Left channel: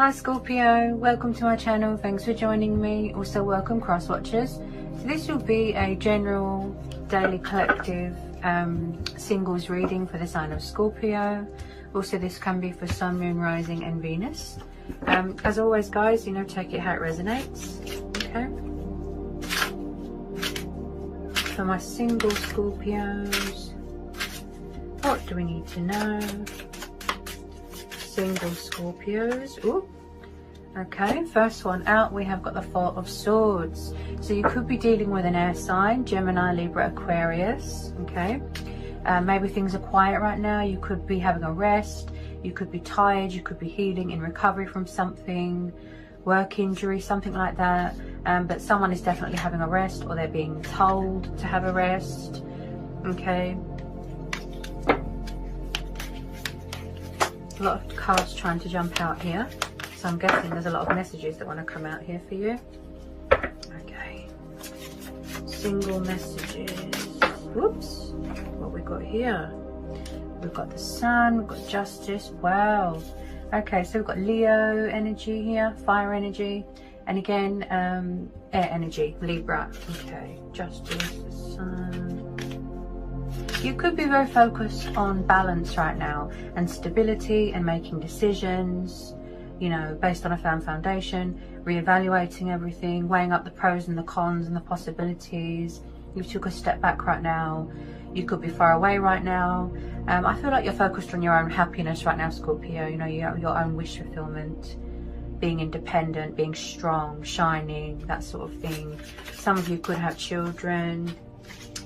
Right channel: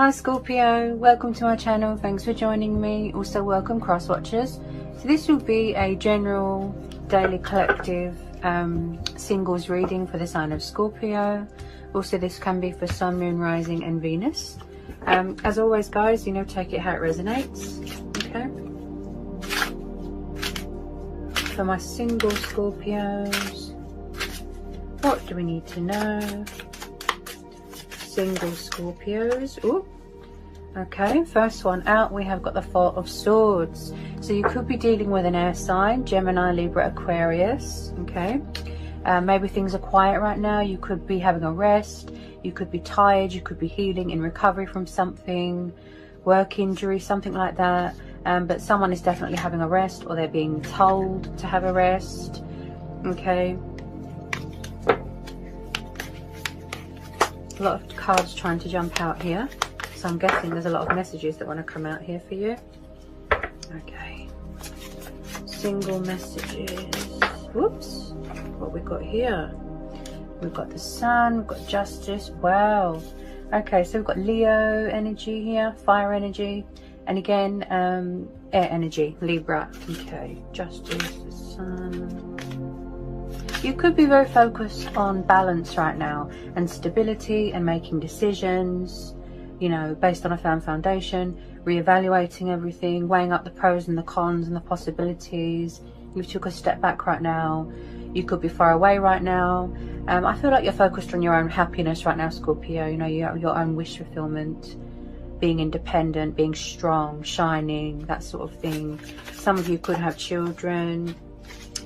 Hi Scorpio, welcome to my channel. Thanks for joining me. Also welcome cross watchers. So this will be a general daily collective singles reading for the sign of Scorpio. Also this can be for Sun, Moon, Rising and Venus. As always guys, you know, take it how it resonates. Okay. For my single Scorpios, what do we need to know? Single Scorpios. Ooh. Okay, first one out, we have got the Four of Swords. So you could be dealing with an air sign, Gemini, Libra, Aquarius. Okay, maybe things are quiet right now. You could be having a rest, you could be tired, you could be healing in recovery from something, work injury, something like that. But someone is definitely having a rest, or they're being told to have a rest. Okay, a lot of cards trying to jump out here, so I'm guessing there's a lot of messages that want to come out here for you. Okay, single messages. Whoops, what we got here? We've got the Sun, we've got Justice. Wow. Okay, so we've got Leo energy here, fire energy, and again air energy, Libra. Okay, Justice, the Sun. You could be very focused on balance right now and stability and making decisions, you know, based on a firm foundation, reevaluating everything, weighing up the pros and the cons and the possibilities. You took a step back right now. You could be far away right now. I feel like you're focused on your own happiness right now, Scorpio. You know, your own wish fulfillment, being independent, being strong, shining, that sort of thing. Some of you could have children.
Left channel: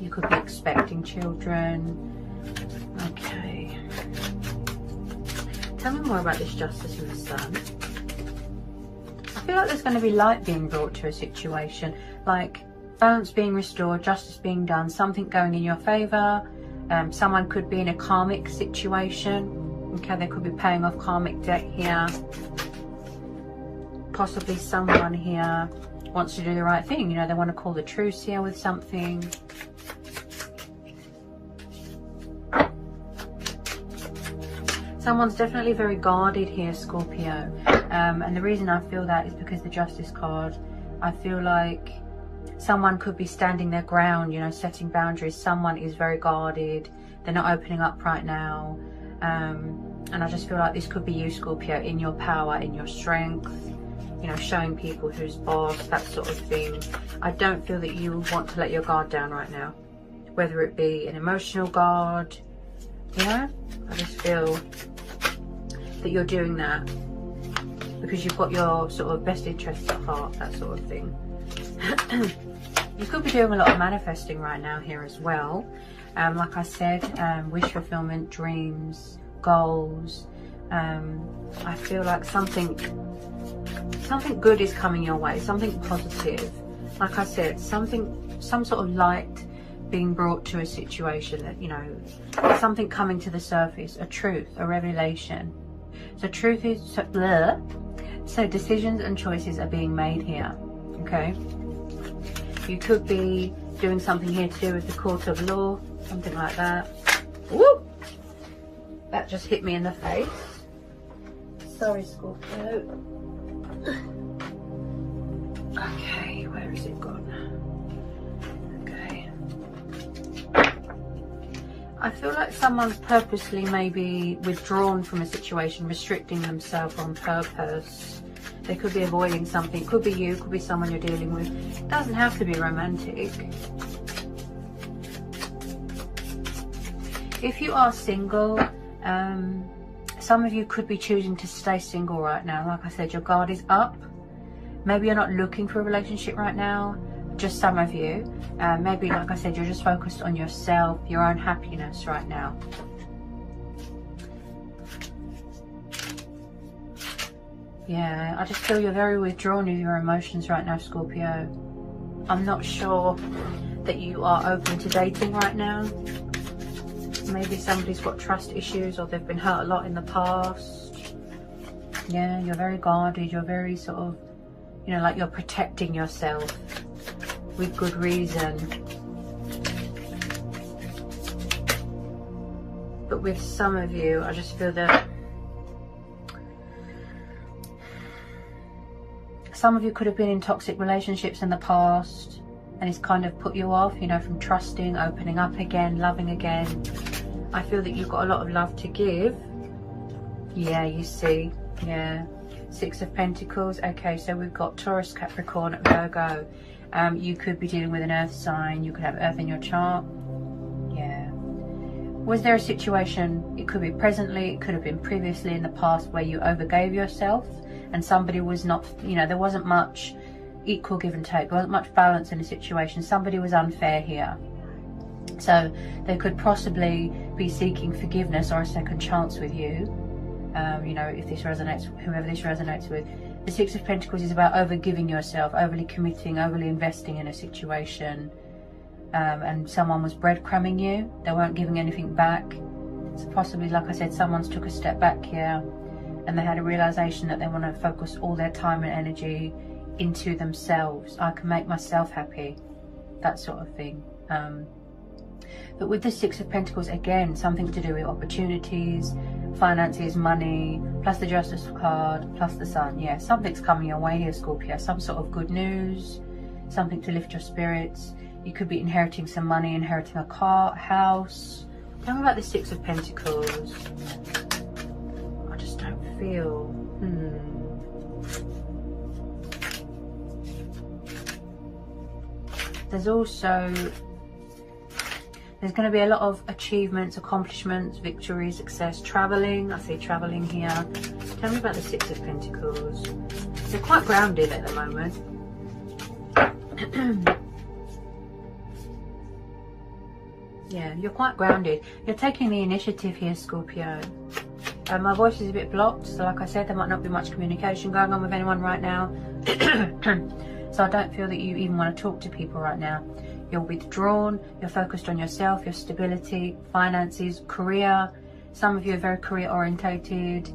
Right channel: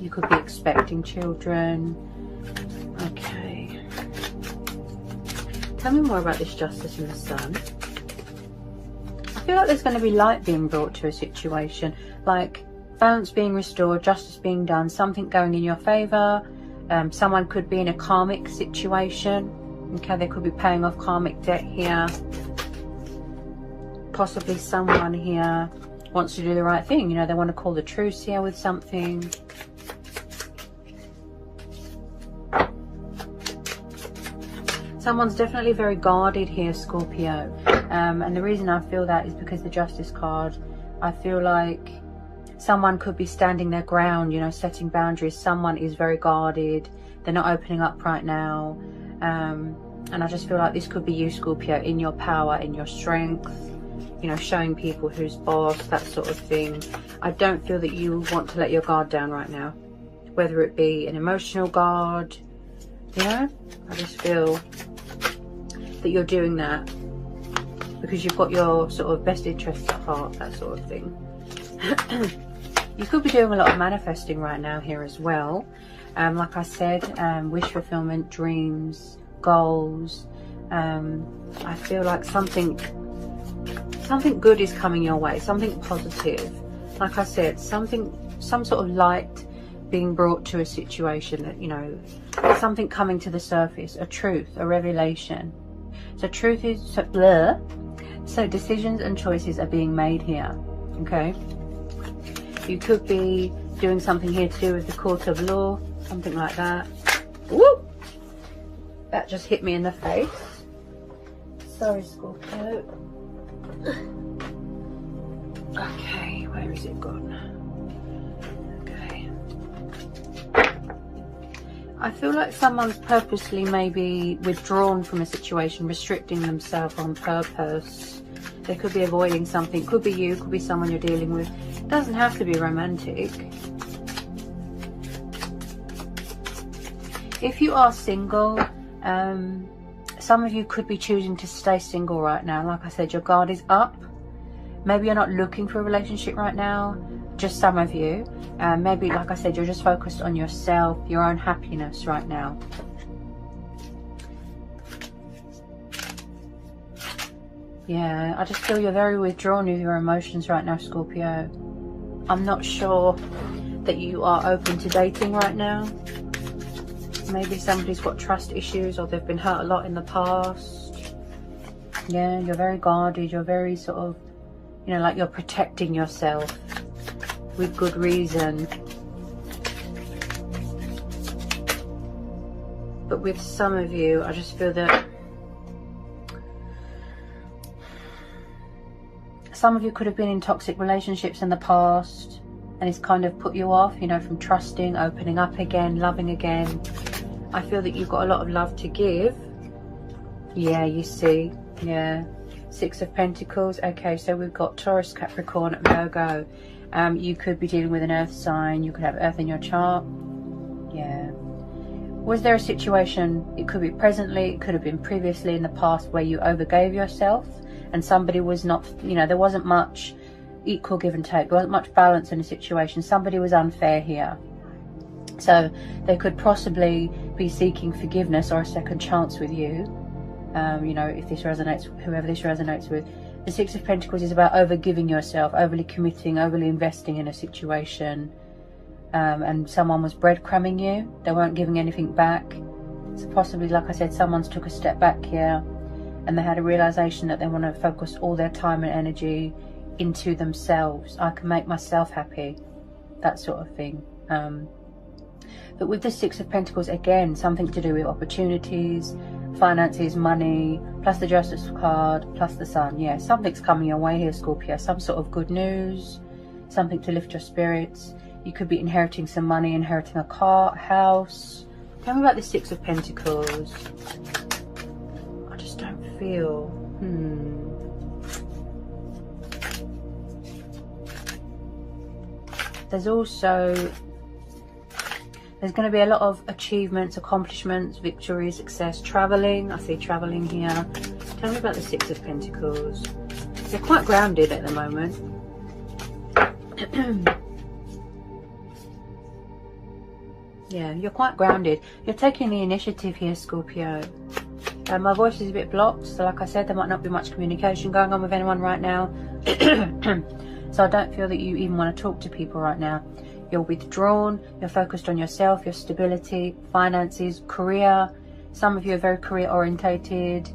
You could be expecting children. Okay. Tell me more about this Justice and the Sun. I feel like there's going to be light being brought to a situation, like balance being restored, justice being done, something going in your favour. Someone could be in a karmic situation. Okay, they could be paying off karmic debt here. Possibly someone here wants to do the right thing. You know, they want to call the truce here with something. Someone's definitely very guarded here, Scorpio. And the reason I feel that is because the Justice card, I feel like someone could be standing their ground, you know, setting boundaries. Someone is very guarded. They're not opening up right now. And I just feel like this could be you, Scorpio, in your power, in your strength, you know, showing people who's boss, that sort of thing. I don't feel that you want to let your guard down right now, whether it be an emotional guard, you know. I just feel that you're doing that because you've got your sort of best interests at heart, that sort of thing. You could be doing a lot of manifesting right now here as well. Like I said, wish fulfillment, dreams, goals. I feel like something good is coming your way, something positive. Like I said, some sort of light being brought to a situation, that, you know, something coming to the surface, a truth, a revelation. So truth is blur. So decisions and choices are being made here. Okay, you could be doing something here to do with the court of law, something like that. Woo! That just hit me in the face. Sorry, Scorpio. Okay, where is it gone? Okay. I feel like someone's purposely maybe withdrawn from a situation, restricting themselves on purpose. They could be avoiding something. Could be you, could be someone you're dealing with. It doesn't have to be romantic. If you are single, some of you could be choosing to stay single right now. Like I said, your guard is up. Maybe you're not looking for a relationship right now, just some of you. Maybe, like I said, you're just focused on yourself, your own happiness right now. Yeah, I just feel you're very withdrawn with your emotions right now, Scorpio. I'm not sure that you are open to dating right now. Maybe somebody's got trust issues, or they've been hurt a lot in the past. Yeah, you're very guarded. You're very sort of, you know, like you're protecting yourself with good reason. But with some of you, I just feel that some of you could have been in toxic relationships in the past, and it's kind of put you off, you know, from trusting, opening up again, loving again. I feel that you've got a lot of love to give. Yeah, you see. Yeah. Six of Pentacles. Okay, so we've got Taurus, Capricorn, Virgo. You could be dealing with an earth sign. You could have earth in your chart. Yeah. Was there a situation, it could be presently, it could have been previously in the past, where you overgave yourself and somebody was not, you know, there wasn't much equal give and take. There wasn't much balance in the situation. Somebody was unfair here. So they could possibly be seeking forgiveness or a second chance with you. You know, if this resonates, whoever this resonates with. The Six of Pentacles is about overgiving yourself, overly committing, overly investing in a situation. And someone was breadcrumbing you. They weren't giving anything back. So possibly, like I said, someone's took a step back here and they had a realization that they want to focus all their time and energy into themselves. I can make myself happy. That sort of thing. But with the Six of Pentacles, again, something to do with opportunities, finances, money, plus the Justice card, plus the Sun. Yeah, something's coming your way here, Scorpio. Some sort of good news, something to lift your spirits. You could be inheriting some money, inheriting a car, a house. Tell me about the Six of Pentacles. I just don't feel... There's also... There's going to be a lot of achievements, accomplishments, victories, success, travelling. I see travelling here. Tell me about the Six of Pentacles. They're quite grounded at the moment. Yeah, you're quite grounded. You're taking the initiative here, Scorpio. My voice is a bit blocked, so like I said, there might not be much communication going on with anyone right now. So I don't feel that you even want to talk to people right now. You're withdrawn, you're focused on yourself, your stability, finances, career. Some of you are very career orientated.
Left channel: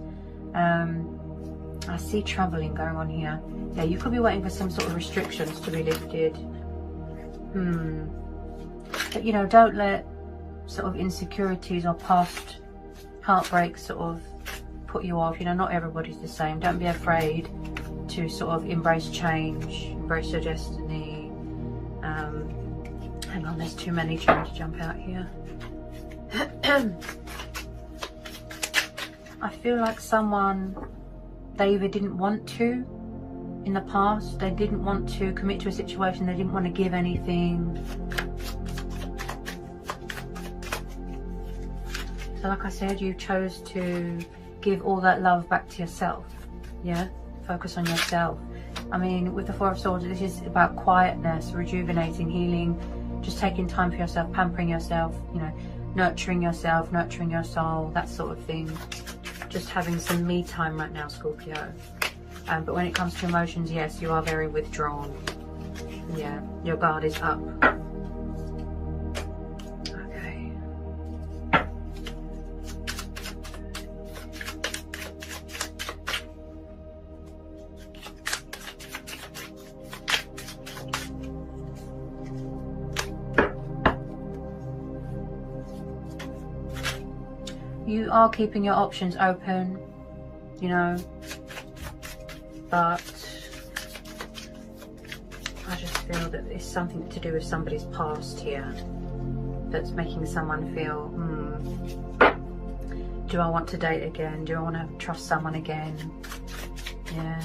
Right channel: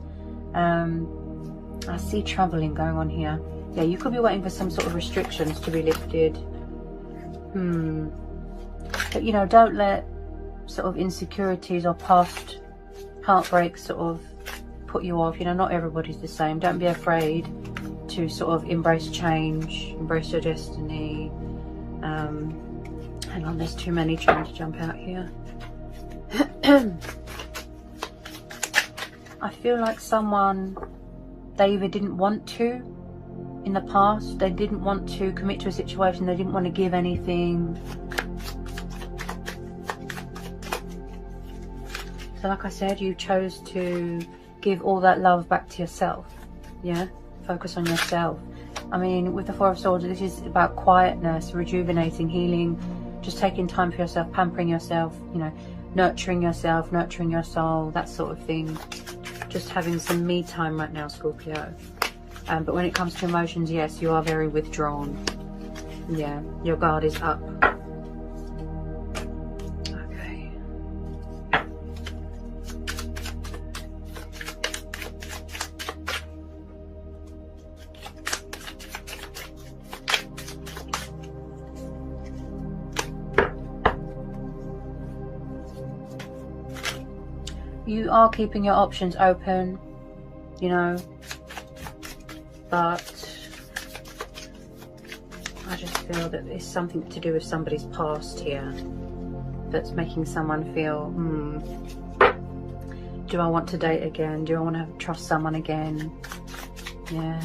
I see travelling going on here. Yeah, you could be waiting for some sort of restrictions to be lifted. But you know, don't let sort of insecurities or past heartbreaks sort of put you off. You know, not everybody's the same. Don't be afraid to sort of embrace change, embrace your destiny. Hang on, there's too many trying to jump out here. I feel like someone, they either didn't want to in the past, they didn't want to commit to a situation, they didn't want to give anything. So like I said, you chose to give all that love back to yourself. Yeah, focus on yourself. I mean, with the Four of Swords, this is about quietness, rejuvenating, healing, just taking time for yourself, pampering yourself, you know, nurturing yourself, nurturing your soul, that sort of thing. Just having some me time right now, Scorpio. But when it comes to emotions, yes, you are very withdrawn. Yeah, your guard is up. Okay. You are keeping your options open, you know, but I just feel that it's something to do with somebody's past here that's making someone feel, do I want to date again? Do I want to trust someone again? Yeah.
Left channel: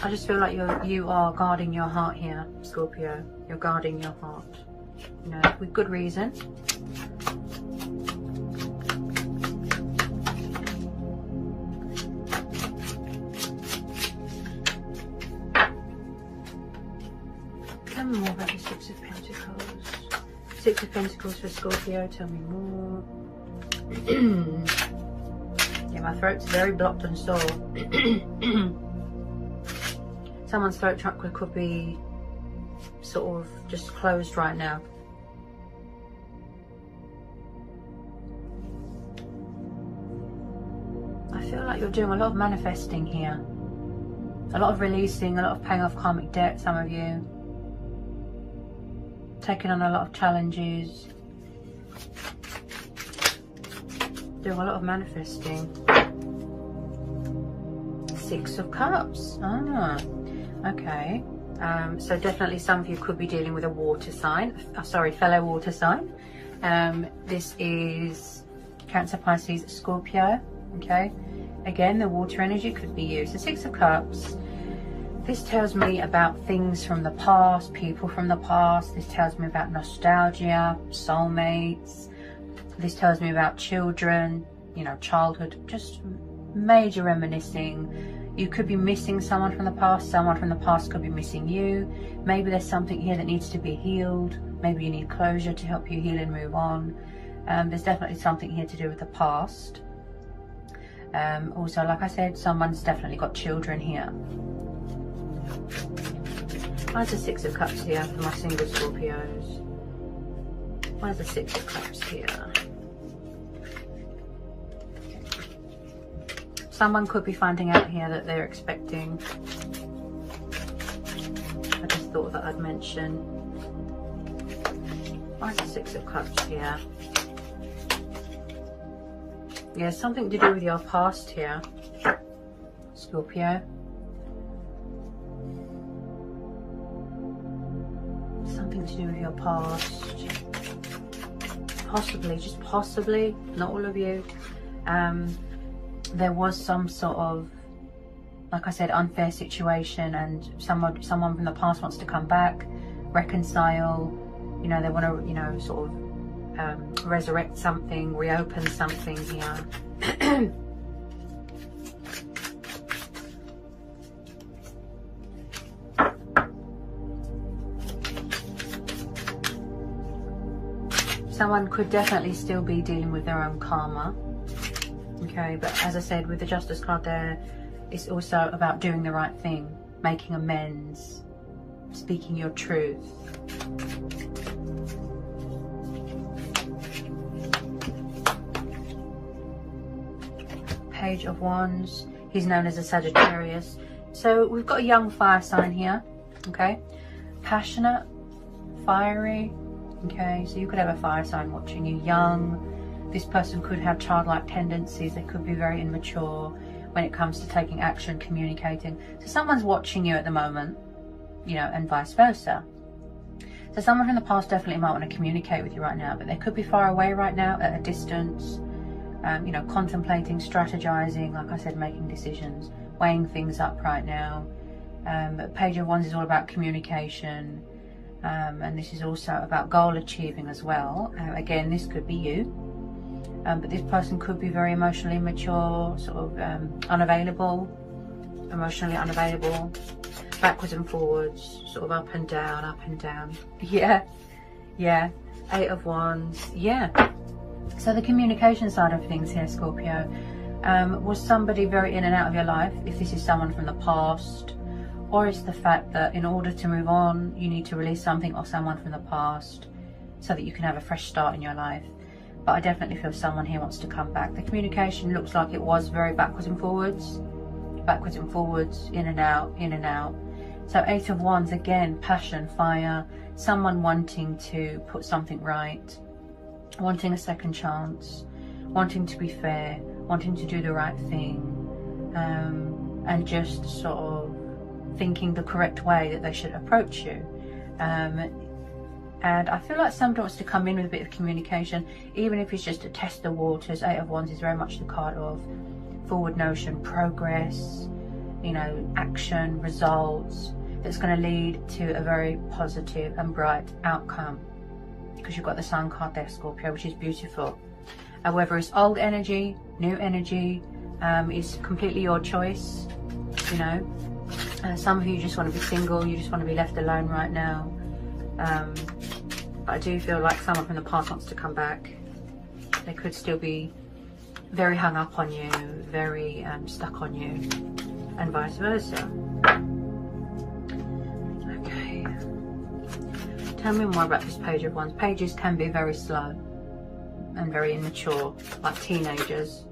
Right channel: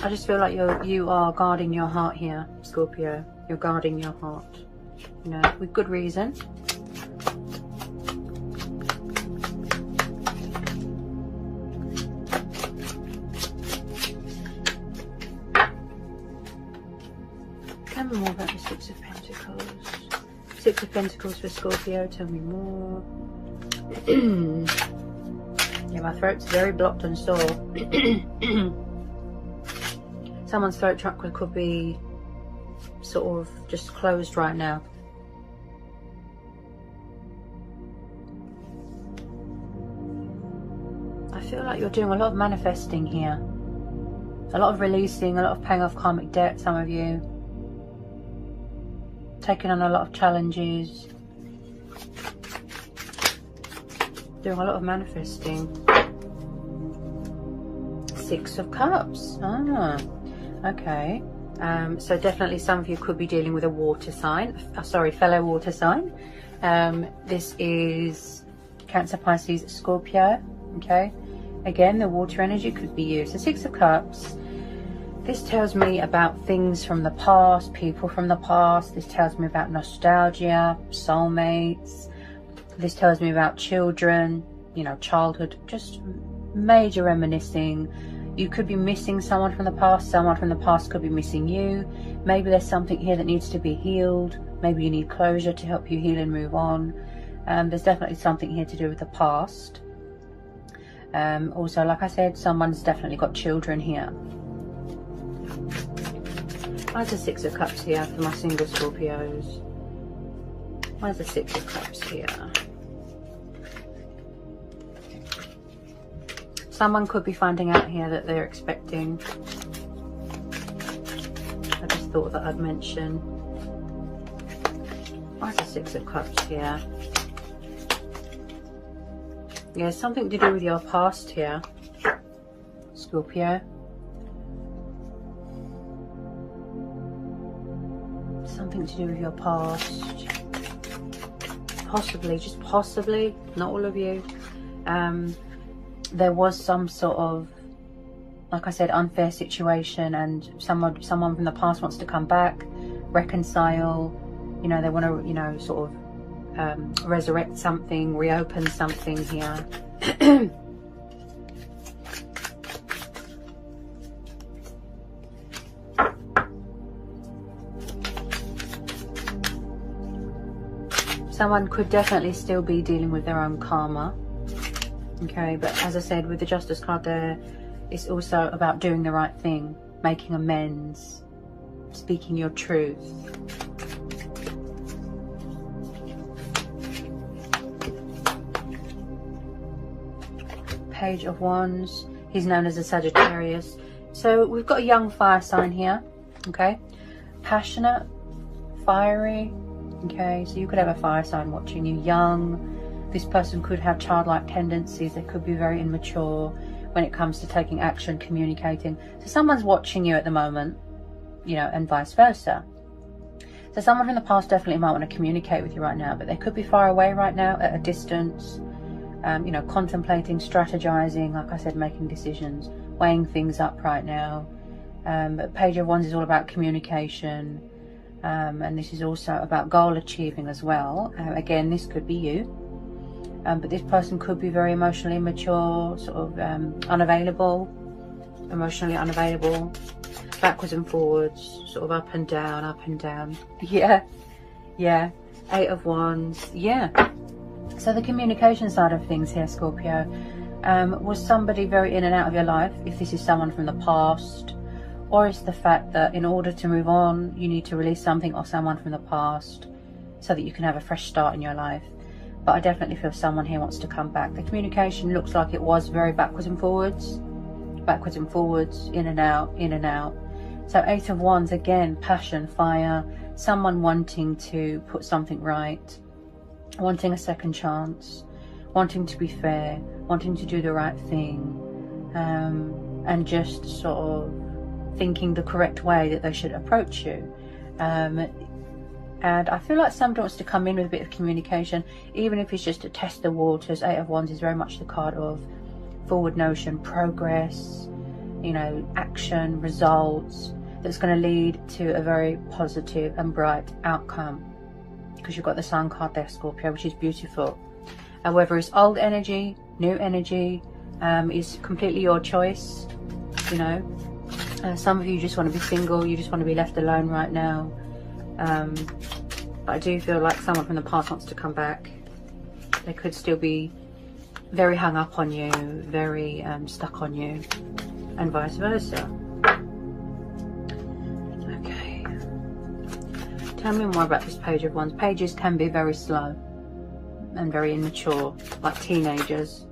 I just feel like you are guarding your heart here, Scorpio. You're guarding your heart, you know, with good reason. Tell me more about the Six of Pentacles. Six of Pentacles for Scorpio. Tell me more. Yeah, my throat's very blocked and sore. Someone's throat chakra could be sort of just closed right now. I feel like you're doing a lot of manifesting here. A lot of releasing, a lot of paying off karmic debt, some of you. taking on a lot of challenges, doing a lot of manifesting. 6 of Cups. Okay. So definitely some of you could be dealing with a water sign, fellow water sign. This is Cancer, Pisces, Scorpio. Okay, again, the water energy could be you. So 6 of Cups, this tells me about things from the past, people from the past. This tells me about nostalgia, soulmates. This tells me about children, you know, childhood, just major reminiscing. You could be missing someone from the past. Someone from the past could be missing you. Maybe there's something here that needs to be healed. Maybe you need closure to help you heal and move on. There's definitely something here to do with the past. Also, like I said, someone's definitely got children here. Where's the 6 of Cups here for my single Scorpios? Where's the 6 of Cups here? Someone could be finding out here that they're expecting. I just thought that I'd mention. Where's the 6 of Cups here? Yeah, something to do with your past here, Scorpio. Something to do with your past. Possibly, just possibly, not all of you. There was some sort of, like I said, unfair situation, and someone from the past wants to come back, reconcile. You know, they want to, you know, sort of resurrect something, reopen something here. Someone could definitely still be dealing with their own karma. Okay, but as I said, with the Justice card there, it's also about doing the right thing, making amends, speaking your truth. Page of Wands. He's known as a Sagittarius. So we've got a young fire sign here. Okay, passionate, fiery. Okay, so you could have a fire sign watching you, young. This person could have childlike tendencies. They could be very immature when it comes to taking action, communicating. So someone's watching you at the moment, you know, and vice versa. So someone from the past definitely might want to communicate with you right now, but they could be far away right now, at a distance, you know, contemplating, strategizing, like I said, making decisions, weighing things up right now. But Page of Wands is all about communication, and this is also about goal achieving as well. Again, this could be you. But this person could be very emotionally immature, sort of unavailable, emotionally unavailable, backwards and forwards, sort of up and down, up and down. Yeah, yeah. 8 of Wands, yeah. So the communication side of things here, Scorpio, was somebody very in and out of your life, if this is someone from the past, or it's the fact that in order to move on, you need to release something or someone from the past so that you can have a fresh start in your life. But I definitely feel someone here wants to come back. The communication looks like it was very backwards and forwards, in and out, in and out. So 8 of Wands, again, passion, fire, someone wanting to put something right, wanting a second chance, wanting to be fair, wanting to do the right thing, and just sort of thinking the correct way that they should approach you. And I feel like somebody wants to come in with a bit of communication, even if it's just to test the waters. 8 of Wands is very much the card of forward motion, progress, you know, action, results, that's going to lead to a very positive and bright outcome. Because you've got the Sun card there, Scorpio, which is beautiful. And whether it's old energy, new energy, is completely your choice, you know. And some of you just want to be single, you just want to be left alone right now. I do feel like someone from the past wants to come back. They could still be very hung up on you, very stuck on you, and vice versa. Okay. Tell me more about this Page of Wands. Pages can be very slow and very immature, like teenagers.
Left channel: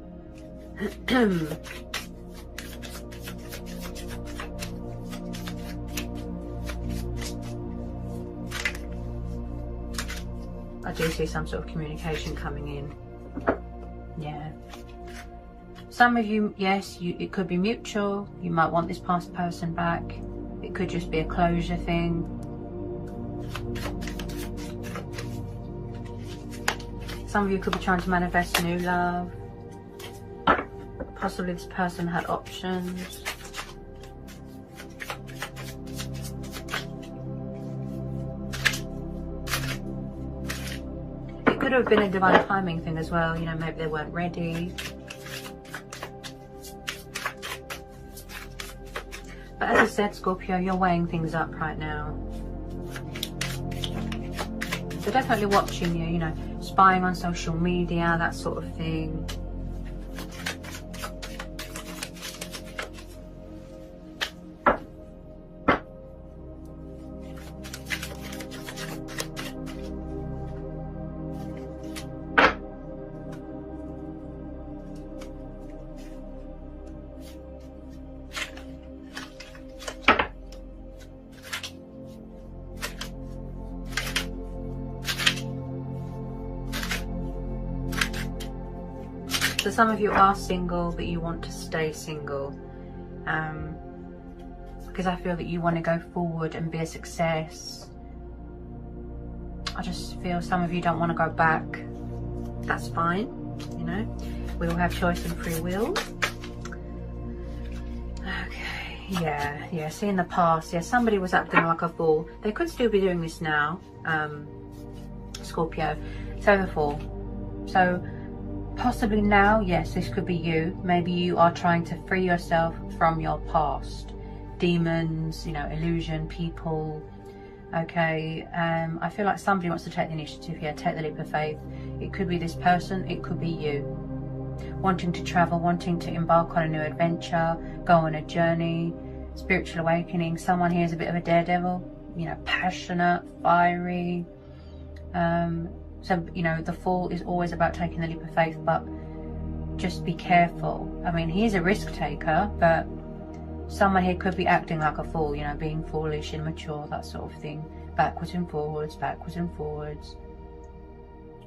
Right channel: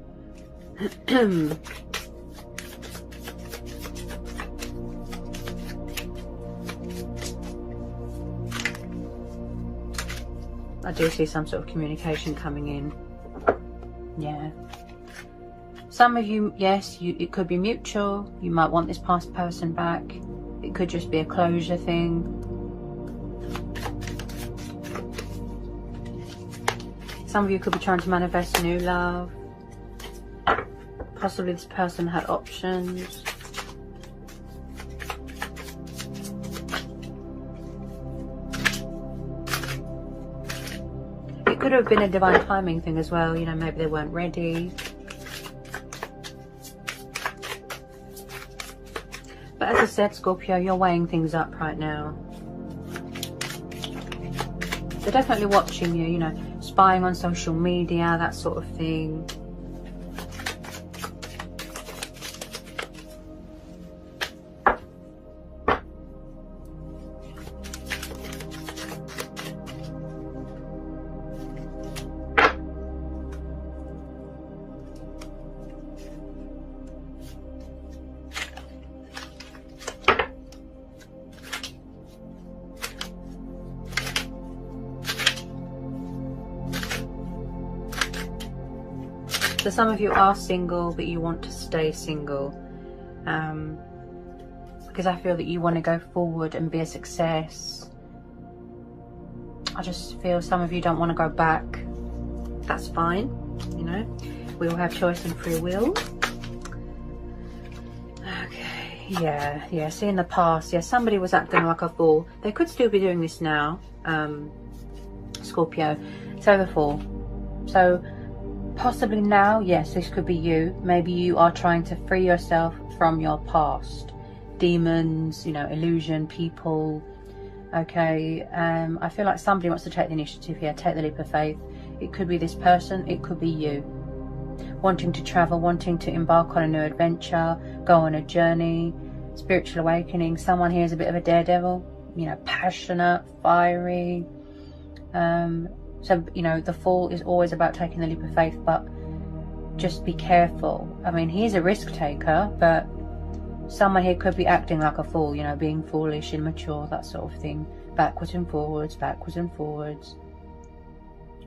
I do see some sort of communication coming in. Yeah. Some of you, yes, it could be mutual. You might want this past person back. It could just be a closure thing. Some of you could be trying to manifest new love. Possibly this person had options. It could have been a divine timing thing as well. You know, maybe they weren't ready. But as I said, Scorpio, you're weighing things up right now. They're definitely watching you, you know, spying on social media, that sort of thing. So some of you are single, but you want to stay single. Because I feel that you want to go forward and be a success. I just feel some of you don't want to go back. That's fine, you know. We all have choice and free will. Okay, yeah, see in the past, yeah, somebody was acting like a fool. They could still be doing this now, Scorpio. So the fool. So possibly now, yes, this could be you. Maybe you are trying to free yourself from your past. Demons, you know, illusion, people. Okay, I feel like somebody wants to take the initiative here, take the leap of faith. It could be this person, it could be you. Wanting to travel, wanting to embark on a new adventure, go on a journey, spiritual awakening. Someone here is a bit of a daredevil, you know, passionate, fiery. So, you know, the Fool is always about taking the leap of faith, but just be careful. I mean, he's a risk taker, but someone here could be acting like a fool, you know, being foolish, immature, that sort of thing. Backwards and forwards,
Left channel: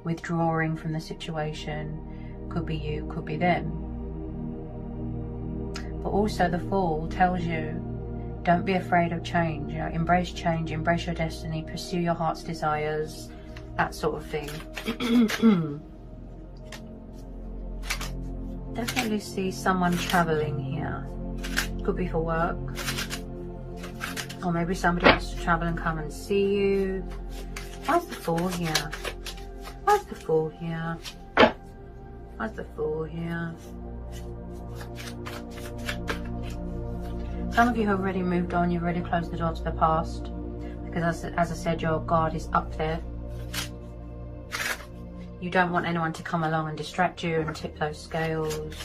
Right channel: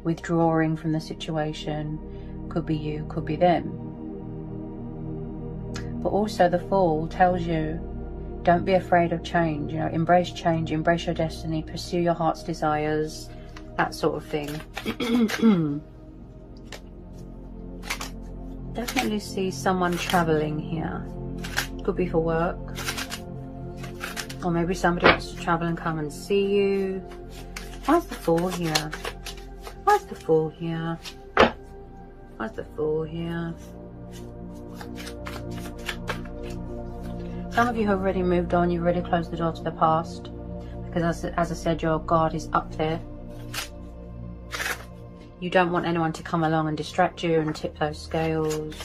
withdrawing from the situation. Could be you, could be them. But also the Fool tells you, don't be afraid of change, you know, embrace change, embrace your destiny, pursue your heart's desires, that sort of thing. Definitely see someone traveling here. Could be for work, or maybe somebody wants to travel and come and see you. Why's the Fool here? Why's the Fool here? Why's the Fool here? Some of you have already moved on. You've already closed the door to the past, because as I said, your guard is up there. You don't want anyone to come along and distract you and tip those scales.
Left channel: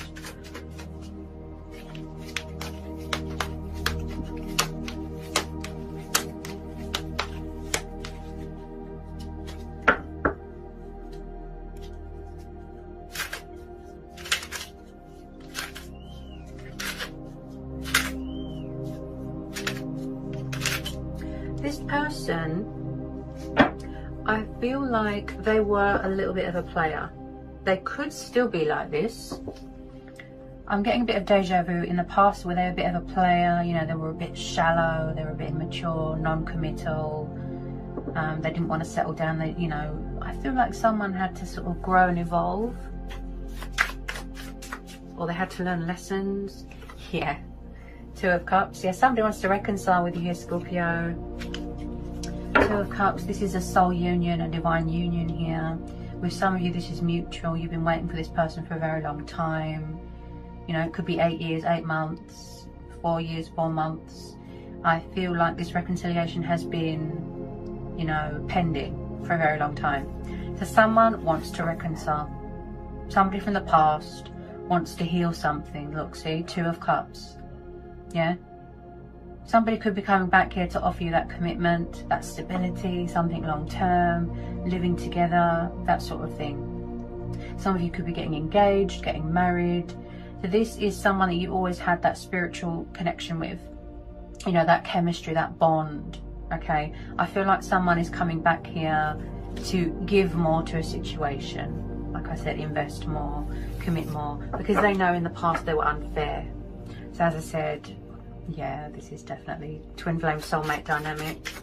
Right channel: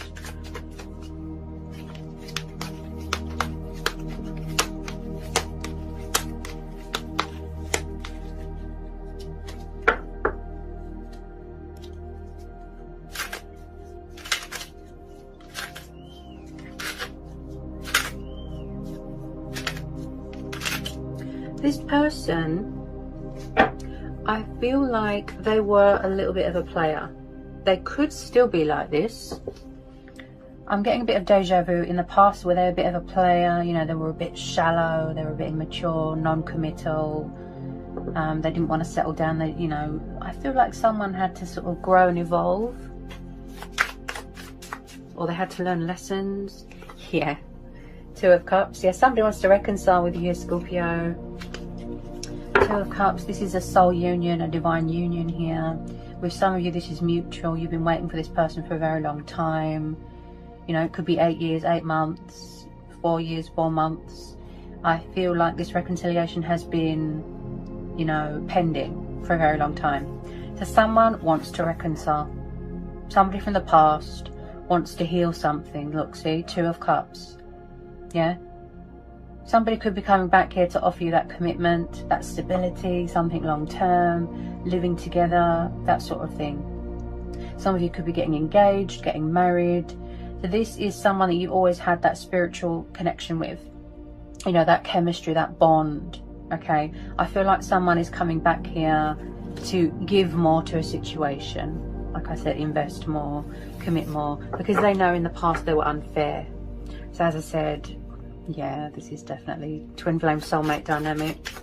This person, I feel like they were a little bit of a player. They could still be like this. I'm getting a bit of deja vu in the past where they were a bit of a player. You know, they were a bit shallow, they were a bit immature, non-committal. They didn't want to settle down. They, you know, I feel like someone had to sort of grow and evolve. Or they had to learn lessons. Yeah. Two of Cups. Yeah, somebody wants to reconcile with you, Scorpio. Two of Cups. This is a soul union, a divine union here. With some of you, this is mutual. You've been waiting for this person for a very long time. You know, it could be 8 years, 8 months, 4 years, 4 months. I feel like this reconciliation has been, you know, pending for a very long time. So someone wants to reconcile. Somebody from the past wants to heal something. Look, see, Two of Cups. Yeah. Somebody could be coming back here to offer you that commitment, that stability, something long term, living together, that sort of thing. Some of you could be getting engaged, getting married. So this is someone that you always had that spiritual connection with. You know, that chemistry, that bond. Okay. I feel like someone is coming back here to give more to a situation. Like I said, invest more, commit more, because they know in the past they were unfair. So as I said, yeah, this is definitely twin flame soulmate dynamic.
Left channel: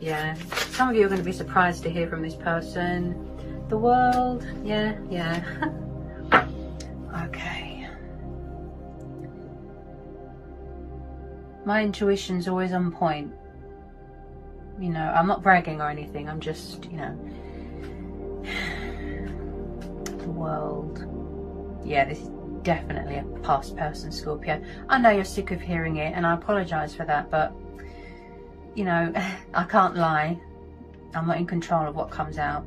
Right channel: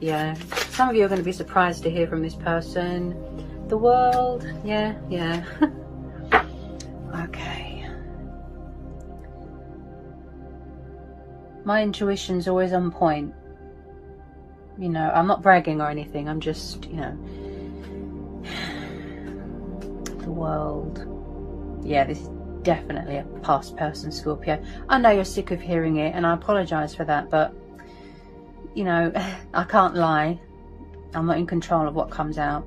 Yeah, some of you are going to be surprised to hear from this person. The World, yeah. Okay. My intuition's always on point. You know, I'm not bragging or anything, I'm just, you know, the World. Yeah, this is definitely a past person, Scorpio. I know you're sick of hearing it, and I apologise for that, but, you know, I can't lie. I'm not in control of what comes out.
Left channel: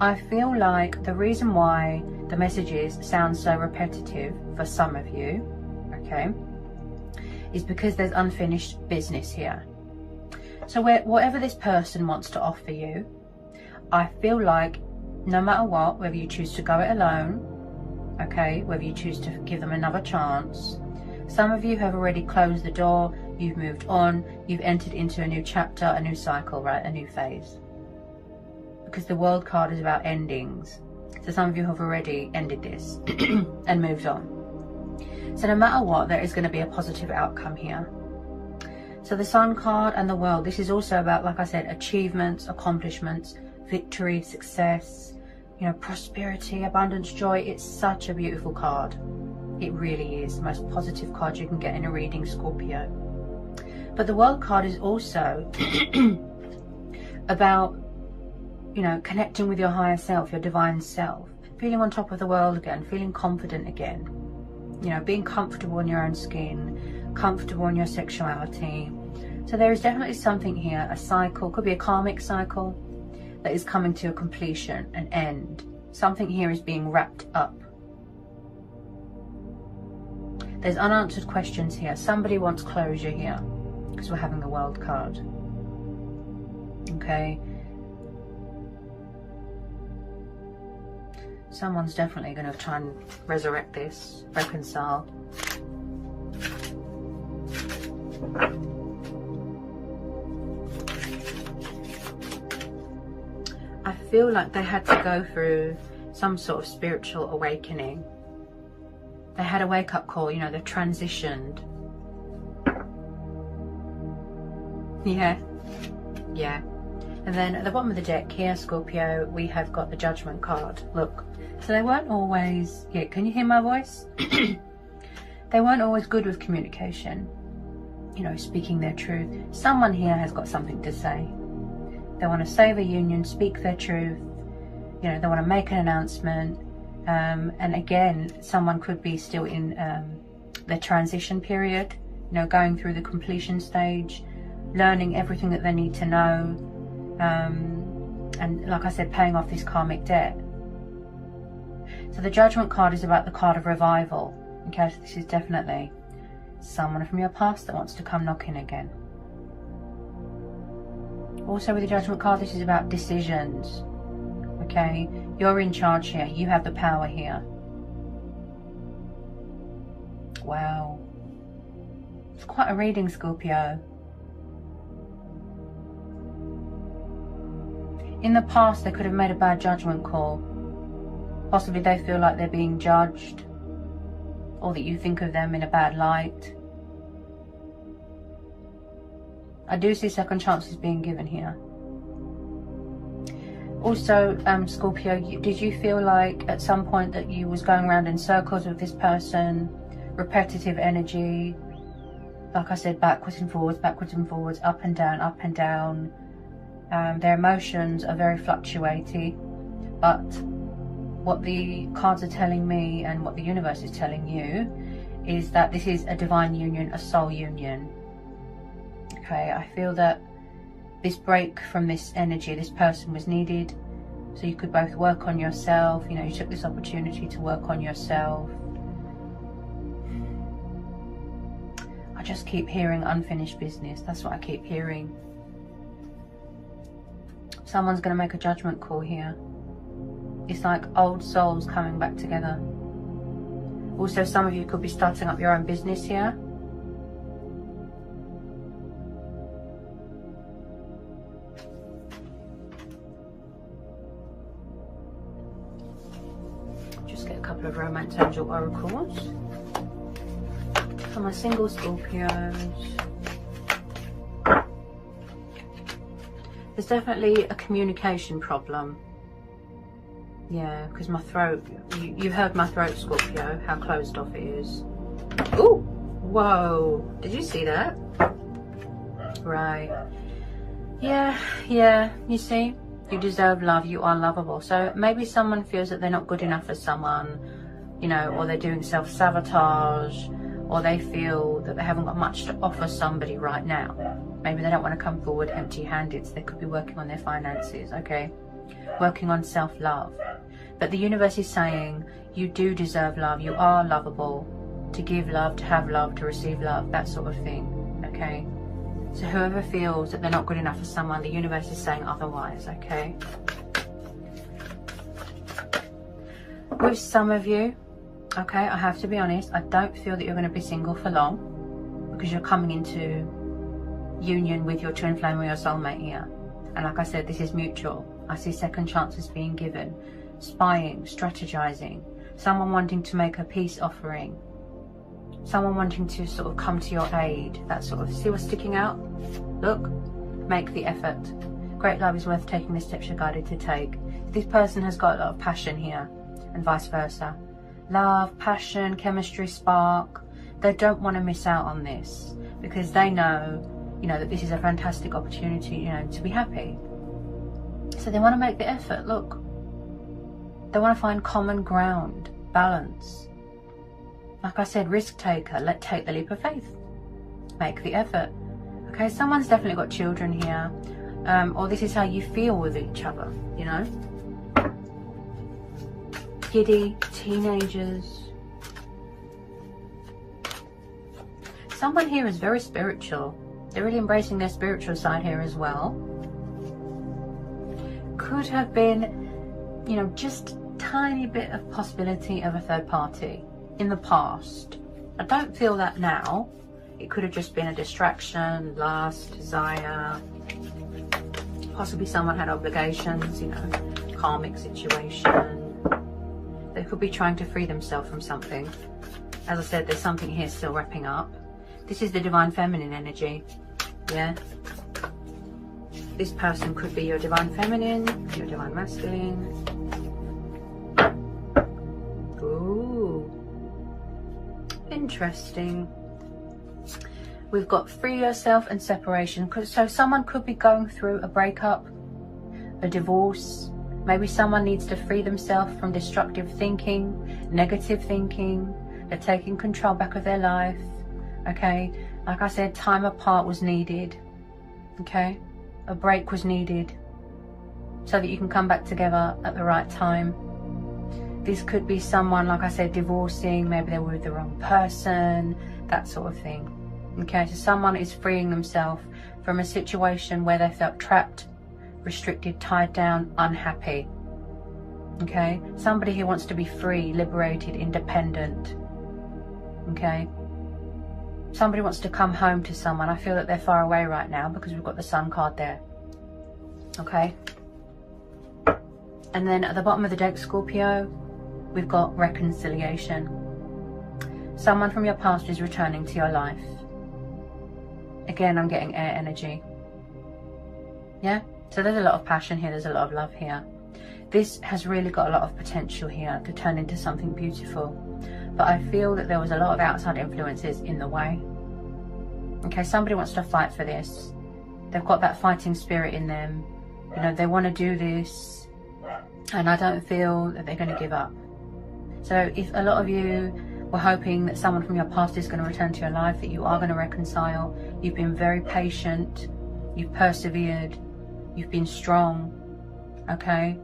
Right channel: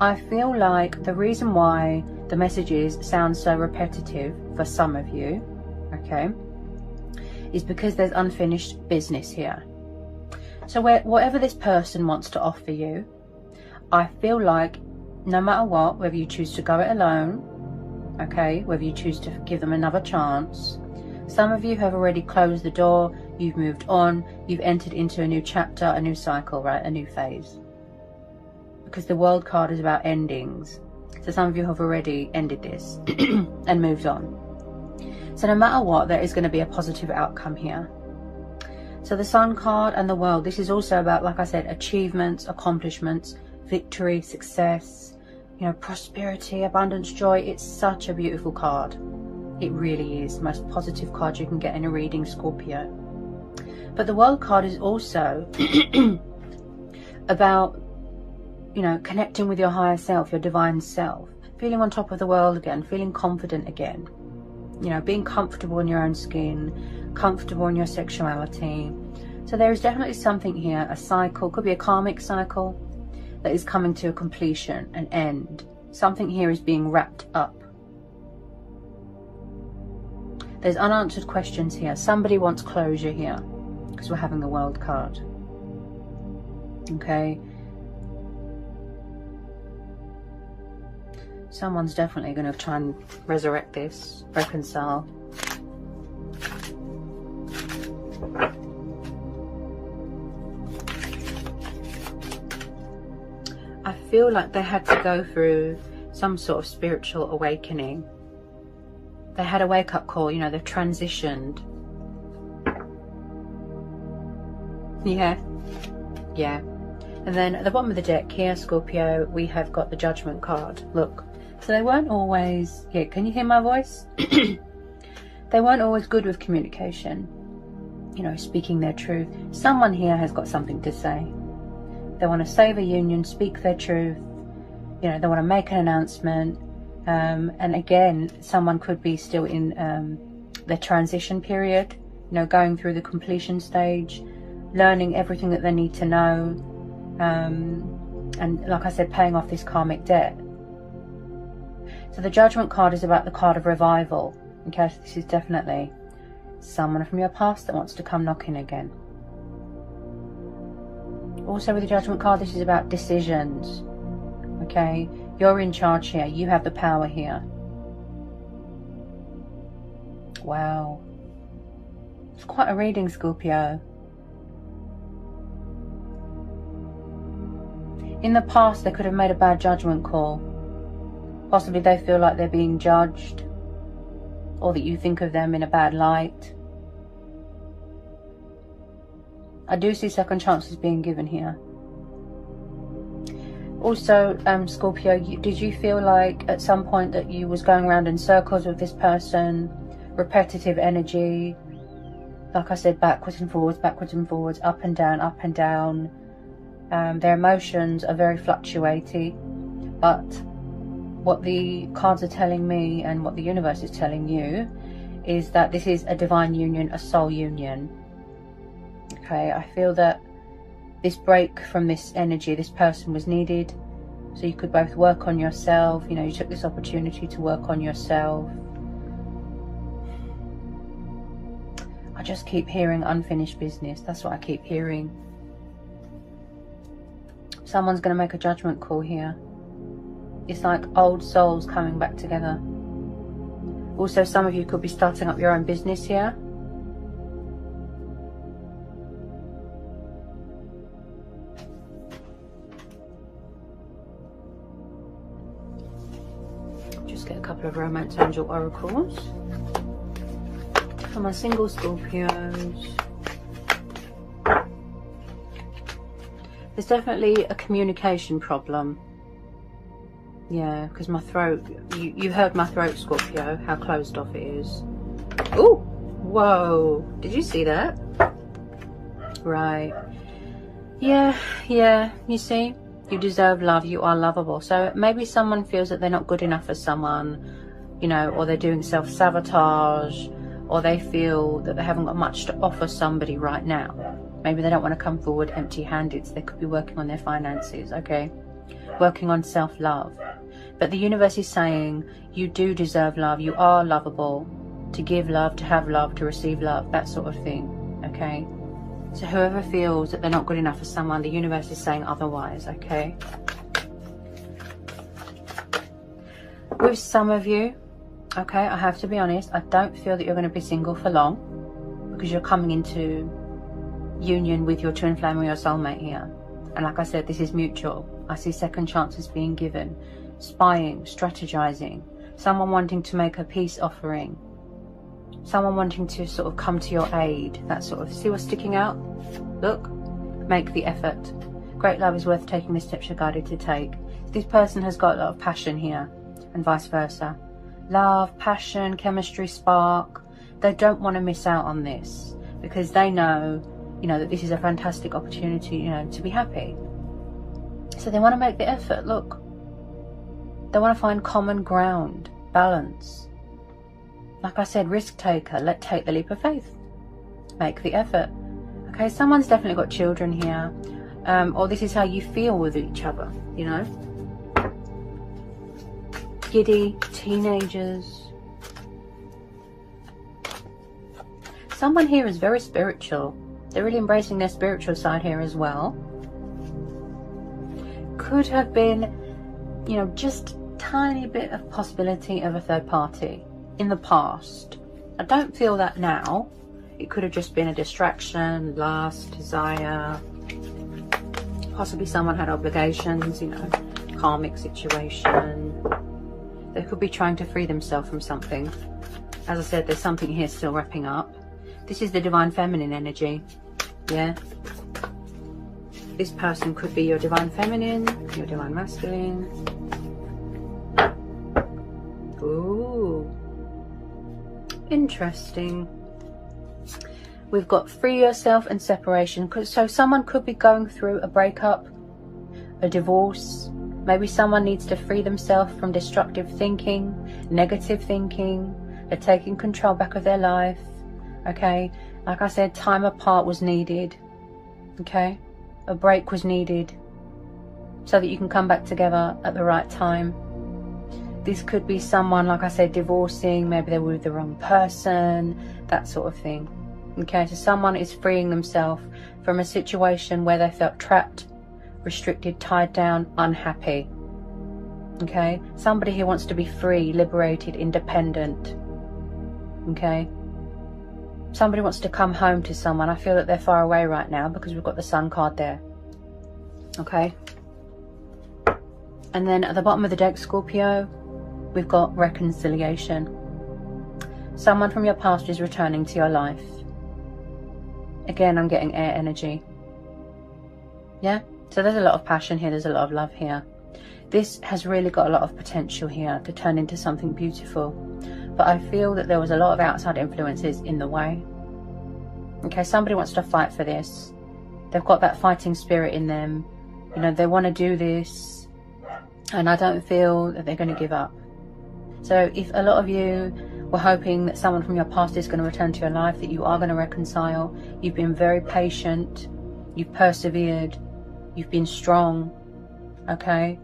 I feel like the reason why the messages sound so repetitive for some of you, okay, is because there's unfinished business here. So whatever this person wants to offer you, I feel like no matter what, whether you choose to go it alone, okay, whether you choose to give them another chance, some of you have already closed the door, you've moved on, you've entered into a new chapter, a new cycle, right, a new phase. Because the World card is about endings. So some of you have already ended this and moved on. So no matter what, there is going to be a positive outcome here. So the Sun card and the World, this is also about, like I said, achievements, accomplishments, victory, success, you know, prosperity, abundance, joy. It's such a beautiful card. It really is the most positive card you can get in a reading, Scorpio. But the World card is also about, you know, connecting with your higher self, your divine self, feeling on top of the world again, feeling confident again, you know, being comfortable in your own skin, comfortable in your sexuality. So there is definitely something here, a cycle, could be a karmic cycle that is coming to a completion, an end. Something here is being wrapped up. There's unanswered questions here. Somebody wants closure here because we're having the World card. Okay. Someone's definitely going to try and resurrect this, reconcile. I feel like they had to go through some sort of spiritual awakening. They had a wake-up call, you know, they've transitioned. Yeah. And then at the bottom of the deck here, Scorpio, we have got the Judgment card. Look. So they weren't always, yeah, can you hear my voice? They weren't always good with communication, you know, speaking their truth. Someone here has got something to say. They want to save a union, speak their truth, you know, they want to make an announcement. And again, someone could be still in the transition period, you know, going through the completion stage, learning everything that they need to know. And like I said, paying off this karmic debt. So the Judgment card is about the card of revival. Okay, so this is definitely someone from your past that wants to come knocking again. Also with the Judgment card, this is about decisions. Okay, you're in charge here. You have the power here. Wow. It's quite a reading, Scorpio. In the past, they could have made a bad judgment call. Possibly they feel like they're being judged, or that you think of them in a bad light. I do see second chances being given here. Also, Scorpio, did you feel like at some point that you was going around in circles with this person, repetitive energy, like I said, backwards and forwards, up and down, up and down. Their emotions are very fluctuating, but what the cards are telling me and what the universe is telling you is that this is a divine union, a soul union. Okay, I feel that this break from this energy, this person was needed, so you could both work on yourself. You know, you took this opportunity to work on yourself. I just keep hearing unfinished business. That's what I keep hearing. Someone's going to make a judgment call here. It's like old souls coming back together. Also, some of you could be starting up your own business here. Just get a couple of romance angel oracles for my single Scorpios. There's definitely a communication problem. Yeah, because my throat, you heard my throat, Scorpio, how closed off it is. Oh, whoa, did you see that? Right. Yeah, you see, you deserve love, you are lovable. So maybe someone feels that they're not good enough for someone, you know, or they're doing self-sabotage, or they feel that they haven't got much to offer somebody right now. Maybe they don't want to come forward empty-handed, so they could be working on their finances, okay? Working on self-love. But the universe is saying you do deserve love, you are lovable, to give love, to have love, to receive love, that sort of thing, okay? So whoever feels that they're not good enough for someone, the universe is saying otherwise, okay? With some of you, okay, I have to be honest, I don't feel that you're going to be single for long, because you're coming into union with your twin flame or your soulmate here. And like I said, this is mutual. I see second chances being given, spying, strategizing, someone wanting to make a peace offering, someone wanting to sort of come to your aid, that sort of, see what's sticking out? Look, make the effort. Great love is worth taking the steps you're guided to take. This person has got a lot of passion here, and vice versa. Love, passion, chemistry, spark. They don't want to miss out on this, because they know, you know, that this is a fantastic opportunity, you know, to be happy. So they want to make the effort, look. They want to find common ground, balance. Like I said, risk taker, take the leap of faith. Make the effort. Okay, someone's definitely got children here. Or this is how you feel with each other, you know. Giddy, teenagers. Someone here is very spiritual. They're really embracing their spiritual side here as well. Could have been, you know, just tiny bit of possibility of a third party in the past. I don't feel that now. It could have just been a distraction, lust, desire. Possibly someone had obligations, you know, karmic situation. They could be trying to free themselves from something. As I said, there's something here still wrapping up. This is the divine feminine energy. Yeah. This person could be your divine feminine, your divine masculine. Ooh. Interesting. We've got free yourself and separation. So someone could be going through a breakup, a divorce. Maybe someone needs to free themselves from destructive thinking, negative thinking. They're taking control back of their life. Okay. Like I said, time apart was needed. Okay. A break was needed so that you can come back together at the right time. This could be someone, like I said, divorcing. Maybe they're with the wrong person, that sort of thing. Okay, so someone is freeing themselves from a situation where they felt trapped, restricted, tied down, unhappy. Okay, somebody who wants to be free, liberated, independent. Okay, somebody wants to come home to someone. I feel that they're far away right now because we've got the Sun card there. Okay, and then at the bottom of the deck, Scorpio, we've got reconciliation. Someone from your past is returning to your life. Again, I'm getting air energy. Yeah, so there's a lot of passion here, there's a lot of love here. This has really got a lot of potential here to turn into something beautiful. But I feel that there was a lot of outside influences in the way. Okay, somebody wants to fight for this. They've got that fighting spirit in them. You know, they want to do this. And I don't feel that they're going to give up. So if a lot of you were hoping that someone from your past is going to return to your life, that you are going to reconcile, you've been very patient, you've persevered, you've been strong, okay?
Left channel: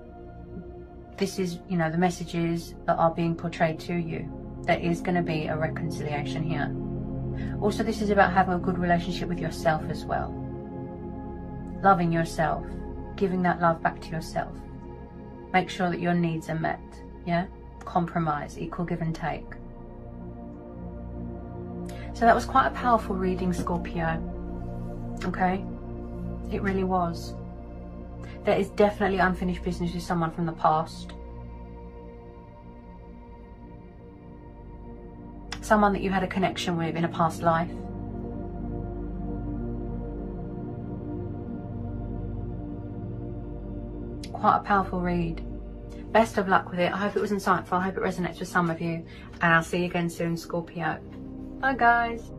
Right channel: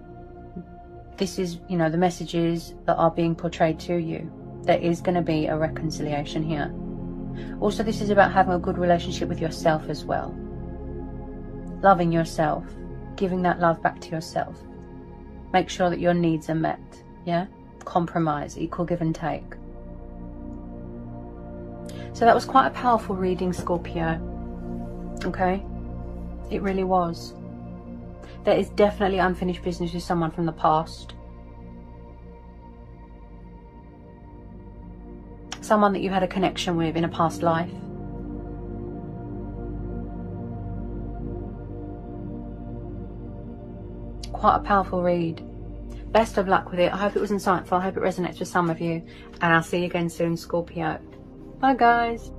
This is, you know, the messages that are being portrayed to you. There is going to be a reconciliation here. Also, this is about having a good relationship with yourself as well. Loving yourself, giving that love back to yourself. Make sure that your needs are met, yeah? Compromise, equal give and take. So that was quite a powerful reading, Scorpio. Okay? It really was. There is definitely unfinished business with someone from the past. someone that you had a connection with in a past life. Quite a powerful read. Best of luck with it. I hope it was insightful. I hope it resonates with some of you. And I'll see you again soon, Scorpio. Bye, guys.